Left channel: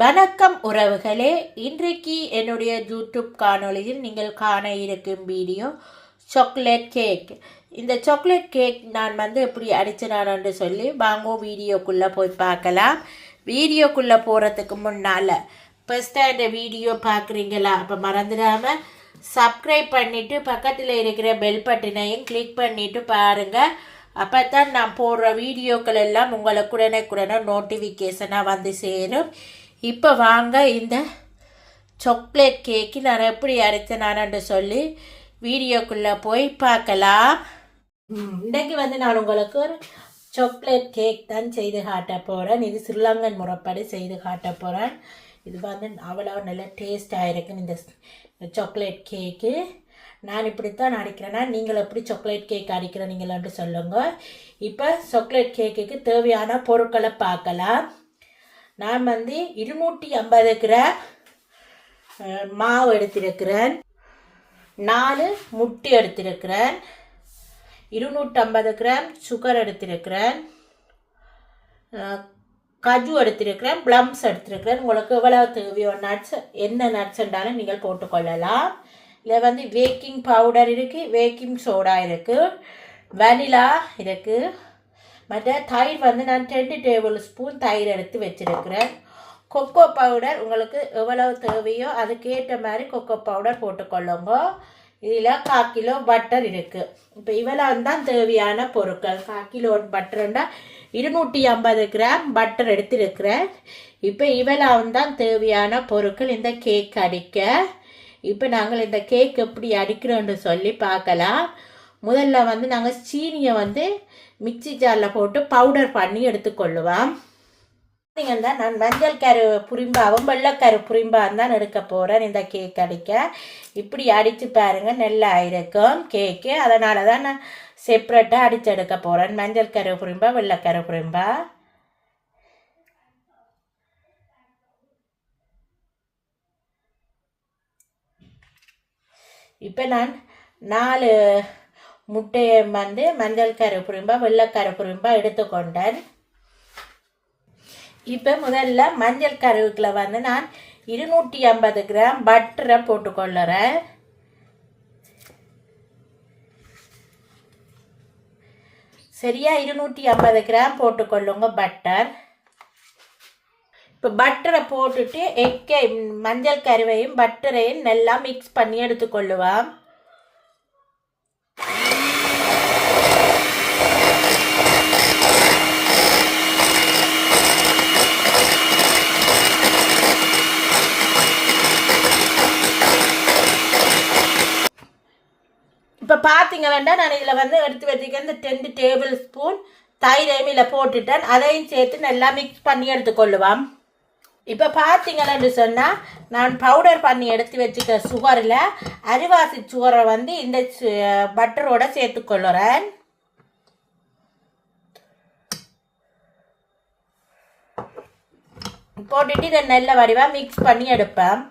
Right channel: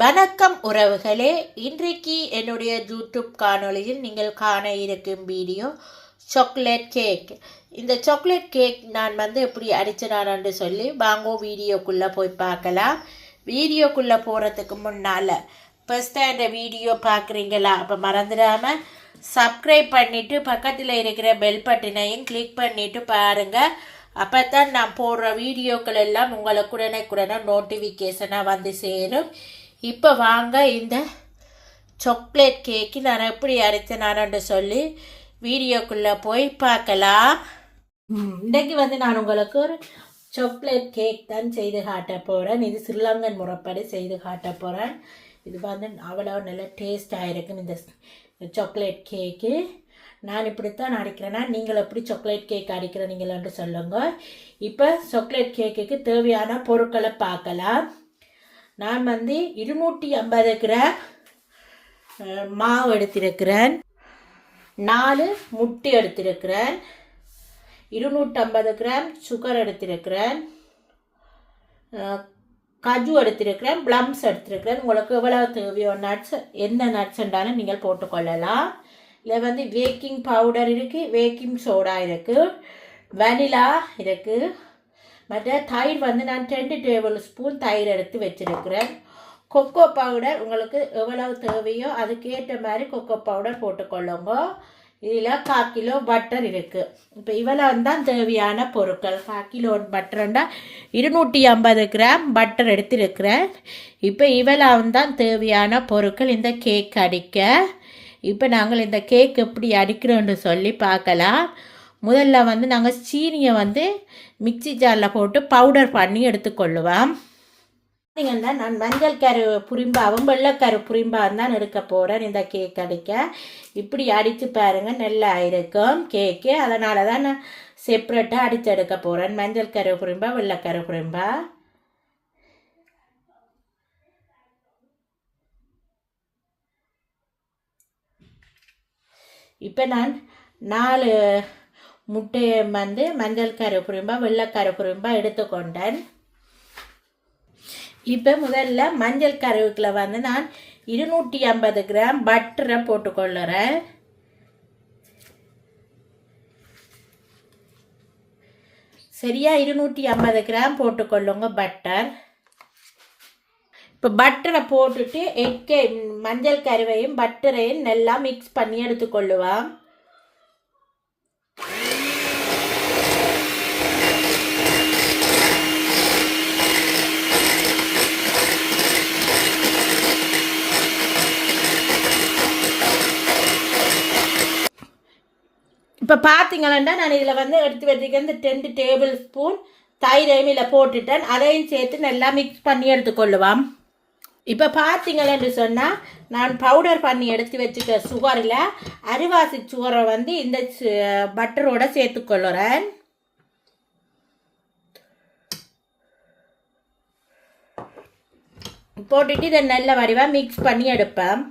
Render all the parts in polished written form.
வணக்கம் உறவுகளே, இன்றைக்கு என்னுடைய யூடியூப் காணொளியில் நீங்கள் காண இருக்கும் வீடியோ சாக்லேட் கேக். இந்த சாக்லேட் கேக் நான் எப்படி அடிச்சினான்னு சொல்லி வாங்கோ வீடியோக்குள்ளே போய் பார்க்கலாம். வீடியோக்குள்ளே போகிறதுக்கு முன்னால் ஃபஸ்ட்டாக இந்த வீடியோ பார்க்குறீங்களா? அப்போ மறந்துடாமல் சப்ஸ்கிரைப் பண்ணிவிட்டு பக்கத்தில் இருக்கிற பெல் பட்டனையும் கிளிக் பண்ணிவிட்டு பாருங்கள். அப்போ தான் நான் போடுற வீடியோக்கள் எல்லாம் உங்களுக்கு உடனே நோட்டிஃபிகேஷனாக வந்து சேரும். இப்போ வாங்க இந்த சாக்லேட் கேக்கு நான் எப்படி அரைத்தேனான்னு சொல்லி வீடியோக்குள்ளே போய் பார்க்கலாம். இன்றைக்கு நான் உங்களுக்கு ஒரு சாக்லேட் கேக் தான் செய்து காட்ட போகிறேன். இது ஸ்ரீலங்கன் முறைப்படி செய்து காட்ட போகிறேன். இது அவ்வளோ நல்ல டேஸ்டாக இருக்கும் இந்த சாக்லேட் கேக்கு. நான் இப்படித்தான் அடிக்கிறேன்னா நீங்கள் எப்படி சாக்லேட் கேக் அடிக்கிறீங்களான்னு சொல்லுங்க. இப்போ சாக்லேட் கேக்குக்கு தேவையான பொருட்களை பார்க்கலாம். நான் 250 கிராம் மாவு எடுத்திருக்கிறேன், 4 முட்டை எடுத்திருக்கிறேன், 250 கிராம் சுகர் எடுத்திருக்கிறேன், கஜு எடுத்திருக்கிறேன், ப்ளம்ஸ் எடுத்திருக்கிறேன். உங்களுக்கு எவ்வளவு தேவையோ நட்ஸ், என்ன நட்ஸ் என்றாலும் நீங்கள் போட்டுக்கொள்ளலாம். இதில் பேக்கிங் பவுடர் இருக்குது, பேக்கிங் சோடா இருக்குது, வெனிலா இருக்குது. மற்ற தயிர் நான் 2 டேபிள் ஸ்பூன் தயிர் எடுத்து வச்சுருக்கிறேன். கொக்கோ பவுடர் உங்களுக்கு எவ்வளவு தேவையோ அதுக்கேற்ற மாதிரி கொக்கோ பவுடர் போட்டுக்கொள்ளுங்க. இதில் 1/4 கிலோ பட்டர் இருக்குது. இப்போ இவ்வளவு தான் தேவையான பொருட்கள். 1/4 கிலோ பட்டர்னா 250 கிராம் பட்டர் எடுத்துருக்கிறேன். இப்போ இவ்வளவு தான் தேவையான பொருட்கள் இந்த கேக் அடிக்க. இப்போ நாங்கள் இந்த கேக் எப்படி அடிக்கிறோன்னு சொல்லி பார்க்கலாம். முதல்ல நாங்கள் சீனியை மிக்சி ஜாரில் போட்டு பவுடர் பண்ணி எடுத்துக்கொள்ளுவோம். நீங்கள் தான் நான் மஞ்சள் கரு புரிம்பாவும் வெள்ளைக்கரு புரிம்பாவும் தான் எடுக்க போகிறேன் இந்த கேக் அடிக்க. இப்படி அடித்து பாருங்கள், நல்லா இருக்கும் கேக்கு. அதனால தான் நான் செப்ரேட்டாக அடித்து எடுக்க போகிறேன். மஞ்சள் கரு புரிம்பா வெள்ளைக்கரு புரிம்பா. இப்போ நான் 4 முட்டையை மஞ்சள் கரு புரிம்பா வெள்ளைக்கரு புரிம்பா எடுத்துக்கொண்டேன். இப்போ முதல்ல மஞ்சள் கருவுக்குள்ள நான் 250 கிராம் பட்டரை போட்டுக்கொள்ளுறேன். சரியா 250 கிராம் போட்டுக்கொள்ளுங்க பட்டர். இப்போ பட்டரை போட்டுட்டு மஞ்சள் கருவையும் பட்டரையும் நல்லா மிக்ஸ் பண்ணி எடுத்துக்கொள்ளுவோம். இப்போ பார்த்தீங்கன்னா நான் இதில் எடுத்து வச்சுக்க இந்த 2 டேபிள் ஸ்பூன் தயிரையும் இதில் போட்டுட்டேன். அதையும் சேர்த்து நல்லா மிக்ஸ் பண்ணி எடுத்துக்கொள்ளுவோம். இப்போ பார்த்தீங்கன்னு சொன்னால் நான் பவுடர் பண்ணி எடுத்து வச்சுக்க சுகரில் அரிவாசி சுகரை இந்த பட்டரோட சேர்த்துக்கொள்ளுறேன். போட்டுட்டு இதை நல்ல வடிவாக மிக்ஸ் பண்ணி எடுப்பேன்.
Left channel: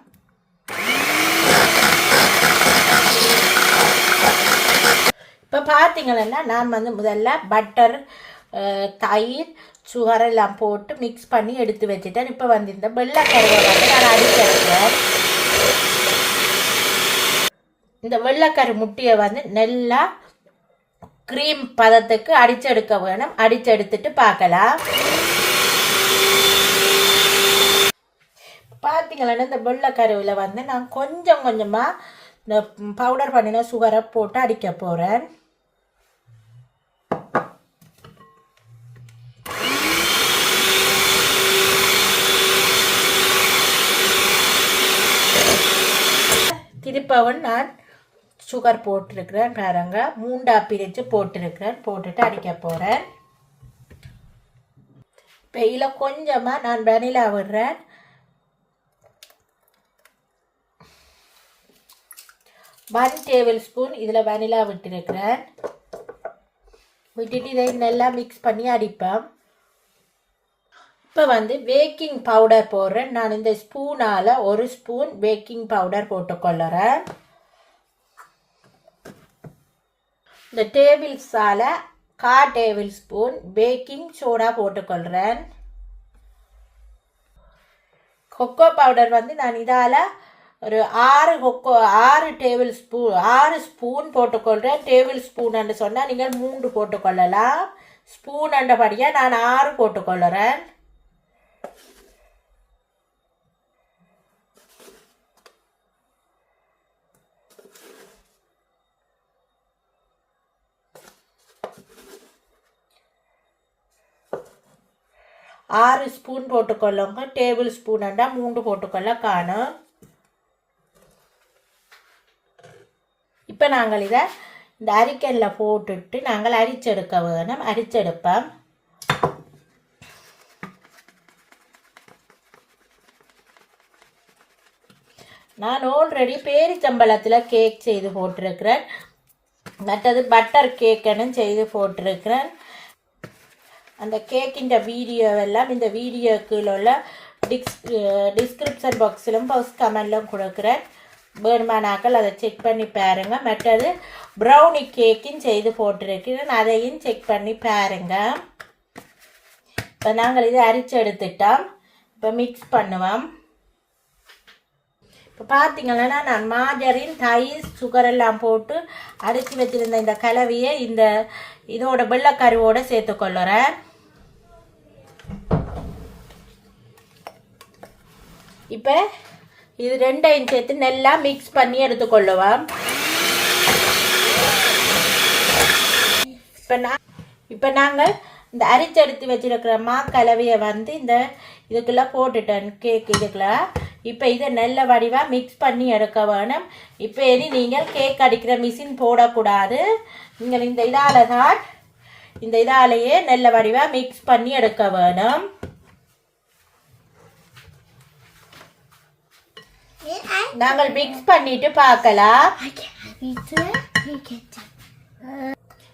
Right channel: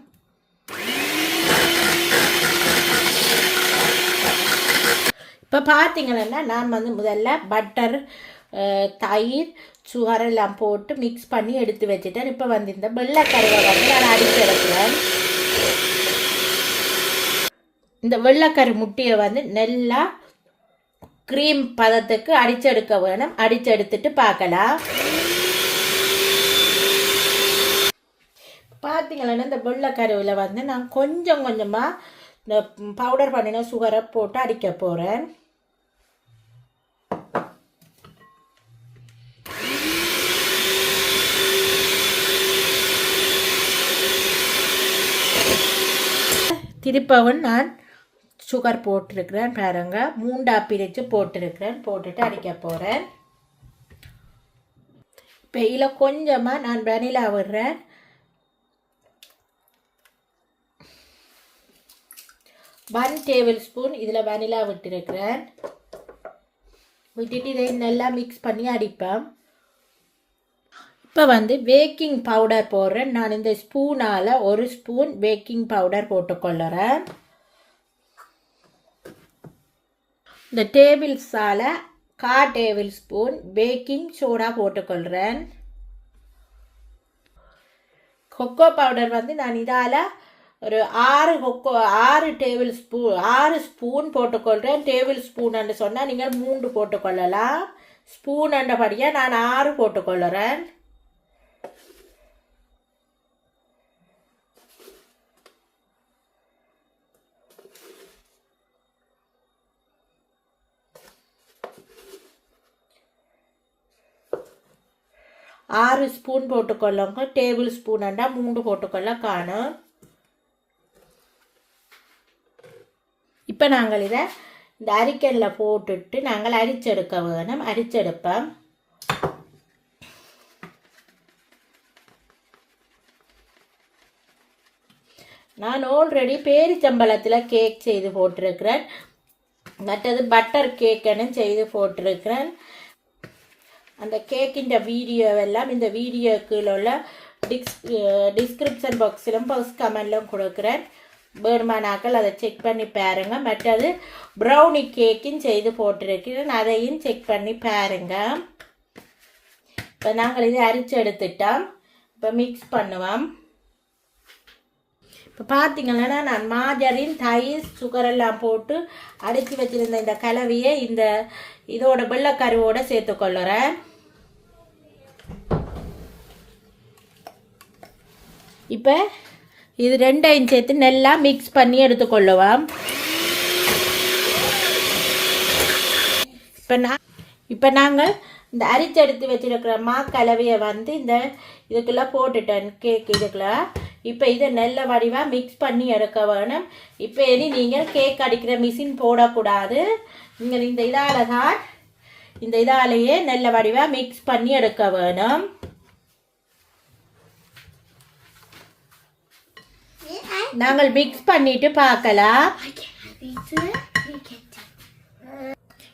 இப்போ பார்த்தீங்கன்னா நான் முதல்ல பட்டர் தயிர் சுகர் எல்லாம் போட்டு மிக்ஸ் பண்ணி எடுத்து வச்சுட்டேன். இப்போ இந்த வெள்ளைக்கருவை நான் அடிச்செடுக்கிறேன். இந்த வெள்ளைக்கரு முட்டையை நல்லா க்ரீம் பதத்துக்கு அடிச்செடுக்க வேணும். அடிச்செடுத்துட்டு பார்க்கலாம். பார்த்தீங்கன்னா இந்த வெள்ளைக்கருவில் நான் கொஞ்சம் கொஞ்சமாக இந்த பவுடர் பண்ணின சுகரை போட்டு அடிக்க போகிறேன். திருப்பவும் நான் சுகர் போட்டிருக்கிறேன் பாருங்க. 3 பிரித்து போட்டிருக்கிறேன். போட்டுட்டு அடிக்க போகிறேன். இப்போ இதில் கொஞ்சமாக நான் வெனிலா விடுறேன். 1 டேபிள் ஸ்பூன் இதில் வெனிலா விட்டுருக்கிறேன். விட்டுட்டு இதை நல்லா மிக்ஸ் பண்ணி அடிப்பேன். இப்போ பேக்கிங் பவுடர் போடுறேன். நான் இந்த ஸ்பூனால் 1 ஸ்பூன் பேக்கிங் பவுடர் போட்டுக்கொள்ளுறேன். இந்த டேபிள்ஸால் 1/4 டேபிள் ஸ்பூன் பேக்கிங் சோடா போட்டுக்கொள்கிறேன். கொக்கோ பவுடர் வந்து நான் இதால் ஒரு 6 ஸ்பூன் போட்டுக்கொள்கிறேன். டேபிள் ஸ்பூன் சொன்னால் நீங்கள் 3 போட்டுக்கொள்ளலாம். ஸ்பூன் அண்டபடியாக நான் 6 போட்டுக்கொள்ளுறேன். ஆறு ஸ்பூன் போட்டுக்கொள்ளுங்க. டேபிள் ஸ்பூன் அண்டா 3 போட்டுக்கொள்ள காணும். இப்போ நாங்கள் இதை இந்த அரிக்கல்லில் போட்டுட்டு நாங்கள் அரிச்செடுக்க வேணும். அரிச்செடுப்போம். நான் ஆல்ரெடி பேரிச்சம்பழத்தில் கேக் செய்து போட்டிருக்கிறேன். மற்றது பட்டர் கேக்குன்னு செய்து போட்டிருக்கிறேன். அந்த கேக்கின் வீடியோவெல்லாம் இந்த வீடியோக்குள்ள உள்ள டிஸ்கிரிப்ஷன் பாக்ஸிலும் ஃபர்ஸ்ட் கமெண்ட்லும் கொடுக்குறேன். வேணுமானாக்கள் அதை செக் பண்ணி பாருங்க. மற்றது ப்ரௌனி கேக்கும் செய்து போட்டிருக்கிறேன். அதையும் செக் பண்ணி பாருங்க. இப்போ நாங்கள் இதை அரிச்சு எடுத்துட்டோம். இப்போ மிக்ஸ் பண்ணுவோம். இப்போ பார்த்தீங்கன்னா நான் மாஜரின் தயிர் சுகரெல்லாம் போட்டு அடித்து வச்சுருந்த இந்த கலவையை இதோட வெள்ளைக்கருவோடு சேர்த்துக்கொள்ளுறேன். இப்போ இது ரெண்டையும் சேர்த்து நல்லா மிக்ஸ் பண்ணி எடுத்துக்கொள்ளுவோம். இப்போ நாங்கள் இந்த அரிச்செடுத்து வச்சிருக்கிற கலவையை வந்து இதுக்குள்ளே போட்டுட்டேன். கேக் இதுக்குள்ள இப்போ இதை நல்ல வடிவாக மிக்ஸ் பண்ணி எடுக்க வேணும். இப்போ நீங்கள் கேக் அடிக்கிற மிஷின் போடக்கூடாது. நீங்கள் இந்த இதாலேயே நல்ல வடிவாக மிக்ஸ் பண்ணி எடுக்க வேணும். நாங்கள் மிக்ஸ் பண்ணிட்டு பார்க்கலாம்.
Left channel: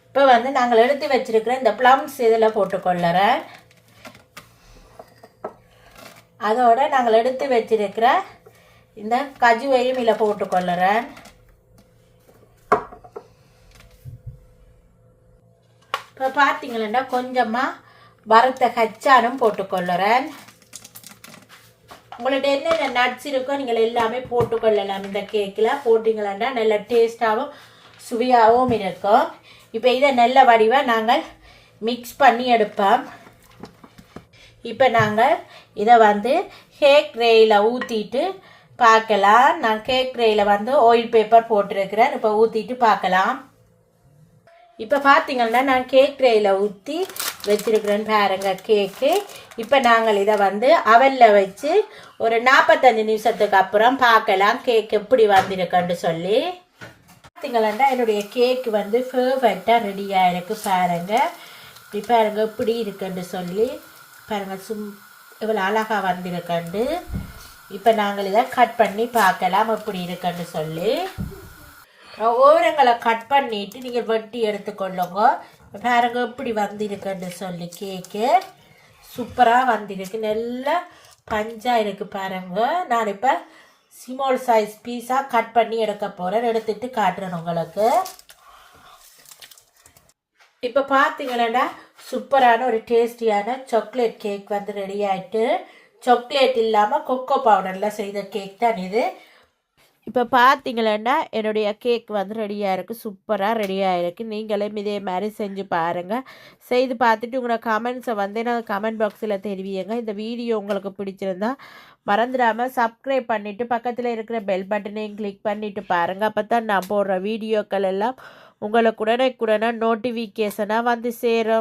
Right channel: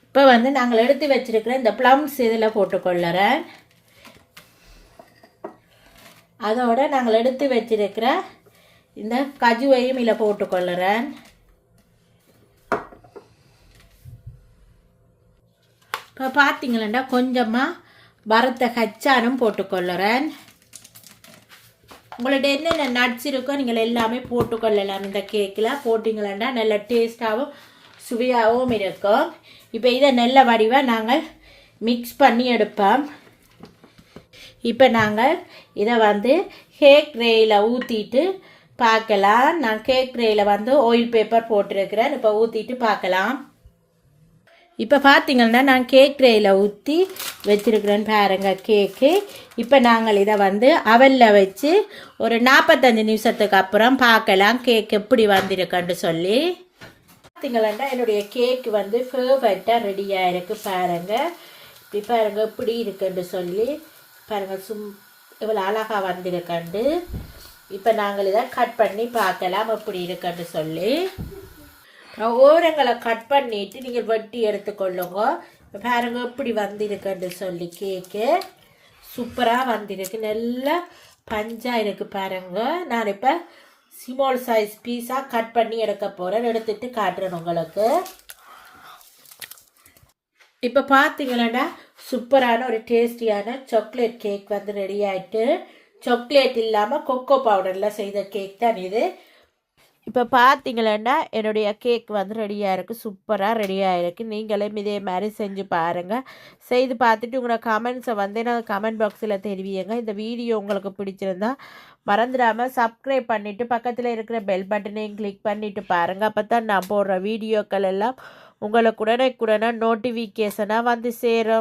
இப்போ வந்து நாங்கள் எடுத்து வச்சிருக்கிற இந்த ப்ளம்ஸ் இதில் போட்டுக்கொள்ளுறேன். அதோட நாங்கள் எடுத்து வச்சிருக்கிற இந்த கஜுவையும் இதில் போட்டுக்கொள்ளுறேன். இப்போ பார்த்தீங்களா கொஞ்சமாக வறுத்த கச்சானும் போட்டுக்கொள்ளுறேன். உங்கள்கிட்ட என்னென்ன நட்ஸ் இருக்கோ நீங்கள் எல்லாமே போட்டுக்கொள்ளலாம். இந்த கேக்கில் போட்டிங்களா நல்ல டேஸ்ட்டாகவும் சுவையாகவும் இருக்கும். இப்போ இதை நல்ல வடிவாக நாங்கள் மிக்ஸ் பண்ணி எடுப்போம். இப்போ நாங்கள் இதை வந்து கேக் ட்ரேயில் ஊற்றிட்டு பார்க்கலாம். நான் கேக் ட்ரேயில் வந்து ஆயில் பேப்பர் போட்டிருக்கிறேன். இப்போ ஊற்றிட்டு பார்க்கலாம். இப்போ பார்த்தீங்கன்னா நான் கேக் ட்ரேயில் ஊற்றி வச்சிருக்கிறேன் பாருங்க கேக்கு. இப்போ நாங்கள் இதை வந்து அவலில் வச்சு ஒரு 45 நிமிஷத்துக்கு அப்புறம் பார்க்கலாம் கேக் எப்படி வந்திருக்குன்னு சொல்லி. பார்த்தீங்களா என்னுடைய கேக் வந்து பர்ஃபெக்டாக ரெடியாக இருக்குது பாருங்க. இப்படி பாருங்க எப்படி இருக்குன்னு சொல்லி பாருங்க. இவ்வளோ அழகாக வந்திருக்கண்டு. இப்போ நாங்கள் இதை கட் பண்ணி பார்க்கலாம் எப்படி இருக்குன்னு சொல்லி. ஓரங்களை கட் பண்ணிவிட்டு நீங்கள் வெட்டி எடுத்துக்கொள்ளுங்க. பாருங்க எப்படி வந்திருக்குன்னு சொல்லி கேக்கு சூப்பராக வந்திருக்கு. நல்லா பஞ்சாக இருக்குது பாருங்க. நான் இப்போ ஸ்மால் சைஸ் பீஸாக கட் பண்ணி எடுக்க போகிறேன். எடுத்துட்டு காட்டுறேன் உங்களுக்கு. இப்போ பார்த்தீங்களா சூப்பரான ஒரு டேஸ்டியான சாக்லேட் கேக் வந்து ரெடி ஆகிட்டு. சாக்லேட் இல்லாமல் கொக்கோ பவுடரில் செய்த கேக் தான் இது. இப்போ பார்த்தீங்களா என்னுடைய கேக் வந்து ரெடியாக இருக்குது. சூப்பராக ரெடியாக இருக்குது. நீங்களும் இதே மாதிரி செஞ்சு பாருங்கள். செய்து பார்த்துட்டு உங்களோட கமெண்ட்ஸை வந்து நான் கமெண்ட் பாக்ஸில் தெரிவிங்க. இந்த வீடியோ உங்களுக்கு பிடிச்சிருந்தா மறந்துடாமல் சப்ஸ்கிரைப் பண்ணிவிட்டு பக்கத்தில் இருக்கிற பெல் பட்டனையும் கிளிக் பண்ணிவிட்டு பாருங்கள். அப்போ தான் நான் போடுற வீடியோக்கள் எல்லாம் உங்களுக்கு உடனே நோட்டிஃபிகேஷனாக வந்து சேரும்.